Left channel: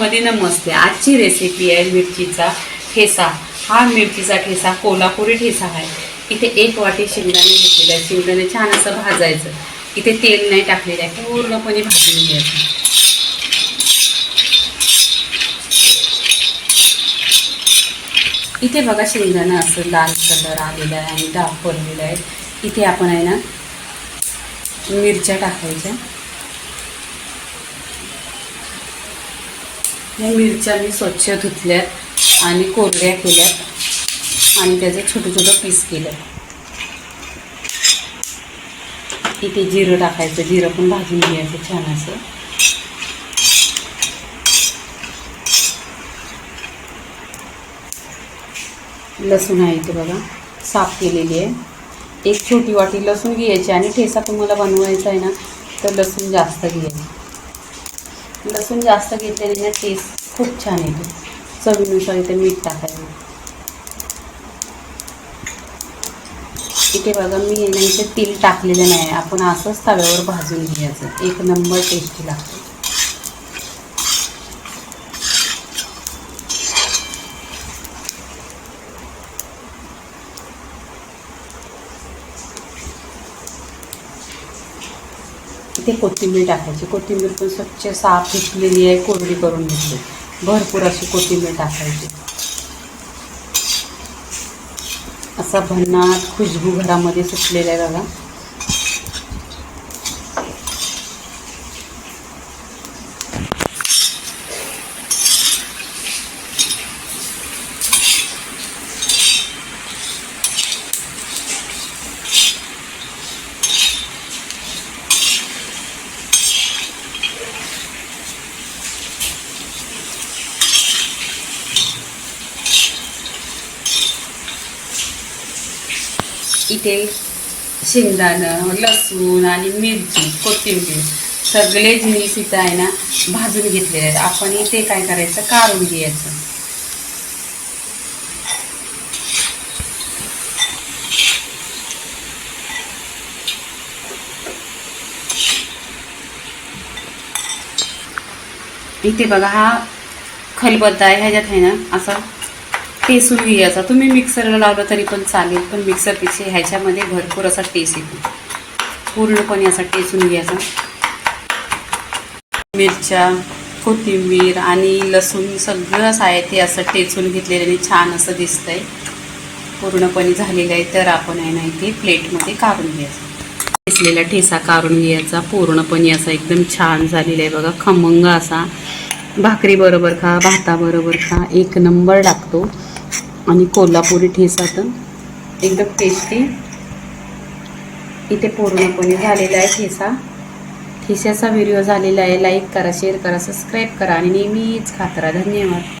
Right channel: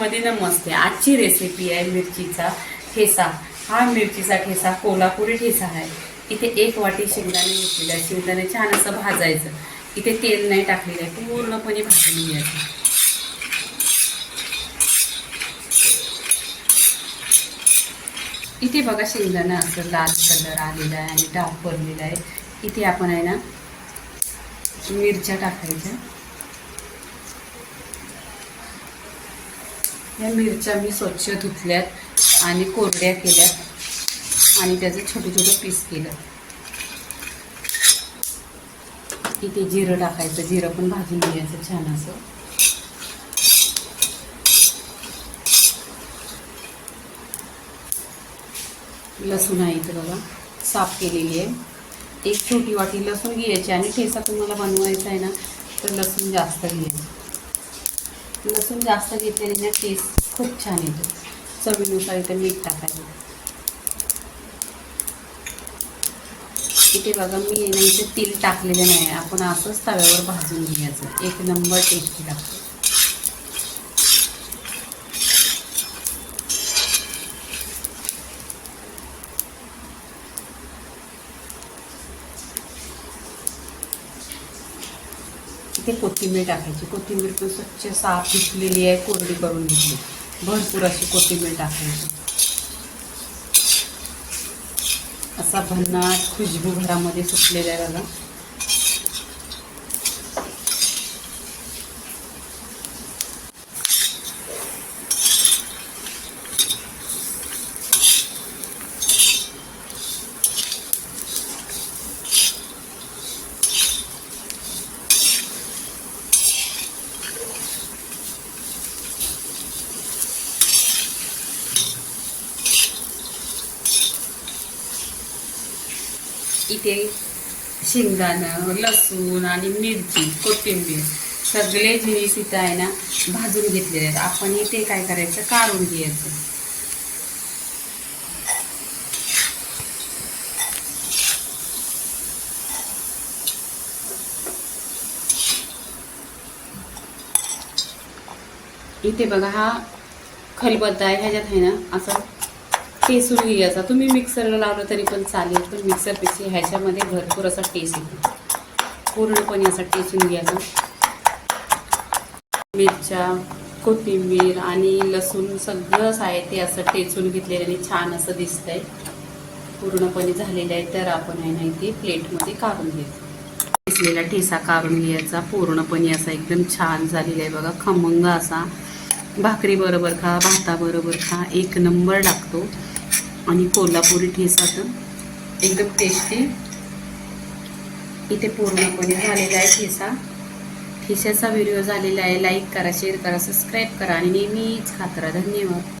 मध्ये नमस्ते. आजची रेसिपी आहे मिरचीचा ठेसा. हा मिरचीचा ठेसा कोल्हापुरी ठेसा आहे. इथे एक वाटी शेंगदाणे घेतलेलं आहे शेंगदाणे छान असं भाजायचं. इथे तेल नाही टाकलेलं आहे. पूर्णपणे भाजून घ्यायचं. इथे बघा शेंगदाणा असं लाल कलर आलेला आहे आणि डाग पडलेला आहे. इथे आपण आहे ना मिरच्या टाकायच्या. ह्या मिरच्या मी स्वच्छ धुतल्यात आणि कोरड्या केल्यात आणि त्याचं छोटं छोटं पीस केलं इथे जिरं टाकायचं जिरं पण भाजून घ्यायचं छान असं. लसूण आहे इथे बघा साफ केलेली आहे. एक छोटी वाटी लसूण घ्यायची आणि ठेसा तुम्हाला बनवायचा आहे ना तर लसूण जास्त घ्यायचं. लसूण जास्त घेतलेली ना टेस्ट खूप छान येते. चवीनुसार इथे मीठ टाकायचं. इथे बघा मी इथे तेल टाकलेलं नाही आपण असंच तव्यावर भाजून घ्यायचं. एक नंबर टेस्टी लागतो. इथे कोथिंबीर टाकायची. कोथिंबीर पण स्वच्छ साफ धुतलेली आहे कोरडी करून घेतली. भरपूर अशी कोथिंबीर टाकायची. असा भन्नाट खुशबू घरामध्ये सुटलेला आहे बघा. इथे शेंगदाणं लसूण आणि मिरची कोथिंबीर सगळे जिनिस इथं आहे ना भाजून घेतलेले आहेत. आपण इथे काय करायचं? काढून घ्यायचं. इथे बघा हा खलबत्ता आहे ह्याच्यात आहे ना असा टेसून घ्यायचा तुम्ही मिक्सरला लावलं तरी पण चालेल पण मिक्सरपेक्षा ह्याच्यामध्ये भरपूर असा टेस्ट येतो. पूर्णपणे असा टेसून घ्यायचा. मिरच्या कोथिंबीर आणि लसूण सगळंच आहे ते असं टेचून घेतलेलं आणि छान असं दिसतंय. पूर्णपणे झालेलं आहे तर आपण आहे ना इथे प्लेटमध्ये काढून घ्यायचं. टेसलेला ठेसा काढून घ्यायचा. पूर्णपणे असा एकदम छान झालेला आहे बघा. खमंग असा. भाकरी बरोबर खा भाताबरोबर खा. एक नंबर लागतो. आणि कोल्हापुरी ठेसा तर एकदम टेस्टी इथे पूर्णपणे झालेला आहे ठेसा ठेस्याचा व्हिडिओ झालेला आहे. लाईक करा शेअर करा सबस्क्राईब करा आणि नेहमीच खात राहा. धन्यवाद.